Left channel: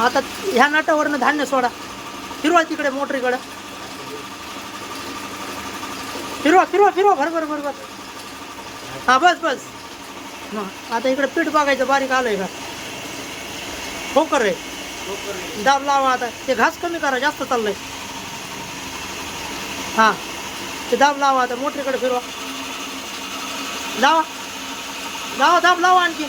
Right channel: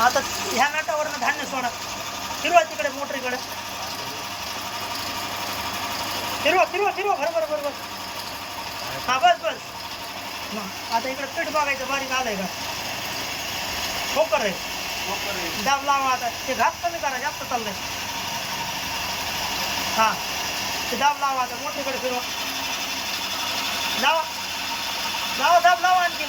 आता ह्या नाटावरनं धान्य सोडा. फिरवा तिकडे मोटरीकडे फिरवा फिरवा फिरवा. बरोबर बरोबर हा बस बस. मग आता इकडे पीठ बघायचं बारीक आलंय का? ठोकर आहे दाब लावा आता. ते घास कमी करा जास्त चाललंय. हा ते दाब लावा आता मोटरीकडे फिरवा. लावा. लावा दाब लावा आणखी.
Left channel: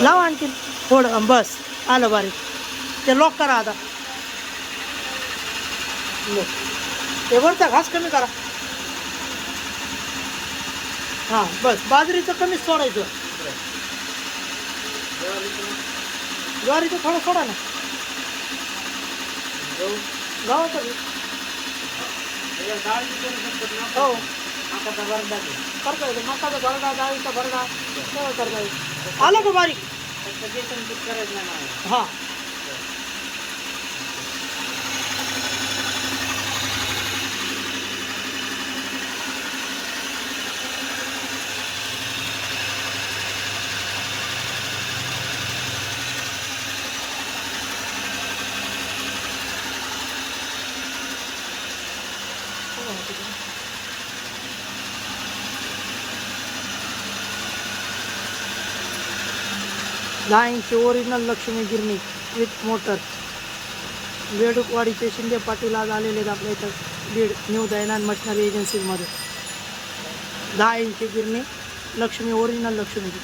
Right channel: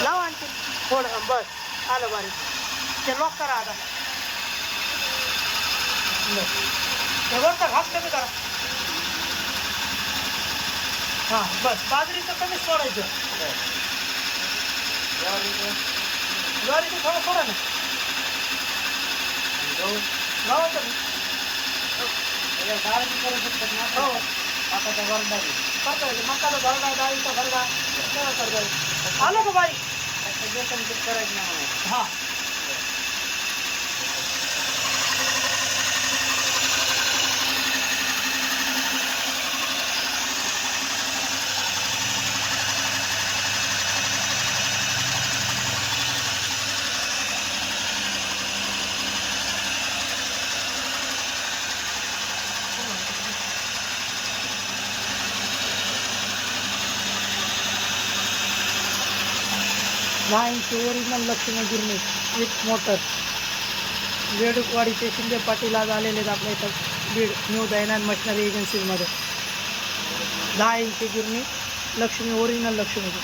लावा आणखी थोडं बस. आलं बारीक. ते लॉक करा आता. ते वरचा घास कमी करा. हां बस. बाजरीचं कमीच सोडायचं. ज्वारीचं थोडं सोडा ना. गावाचं हो. करता येईल. मकाचा भरडा डाळीचा भरडा. सगळं करता येईल. आलं का बारीक? पण ते करत नाही हा दहा इंची ओरिजिनल लक्ष्मी गिरणी विथ मोटर. वेडुकवाडीचे शिंदे पाटील आज आलेले आहेत आपल्या इथं बीड न्यू दयनान मशिनरी एजन्सीजमध्ये दहा इंची गिरणी लक्ष्मी ओरिजिनल लक्ष्मीची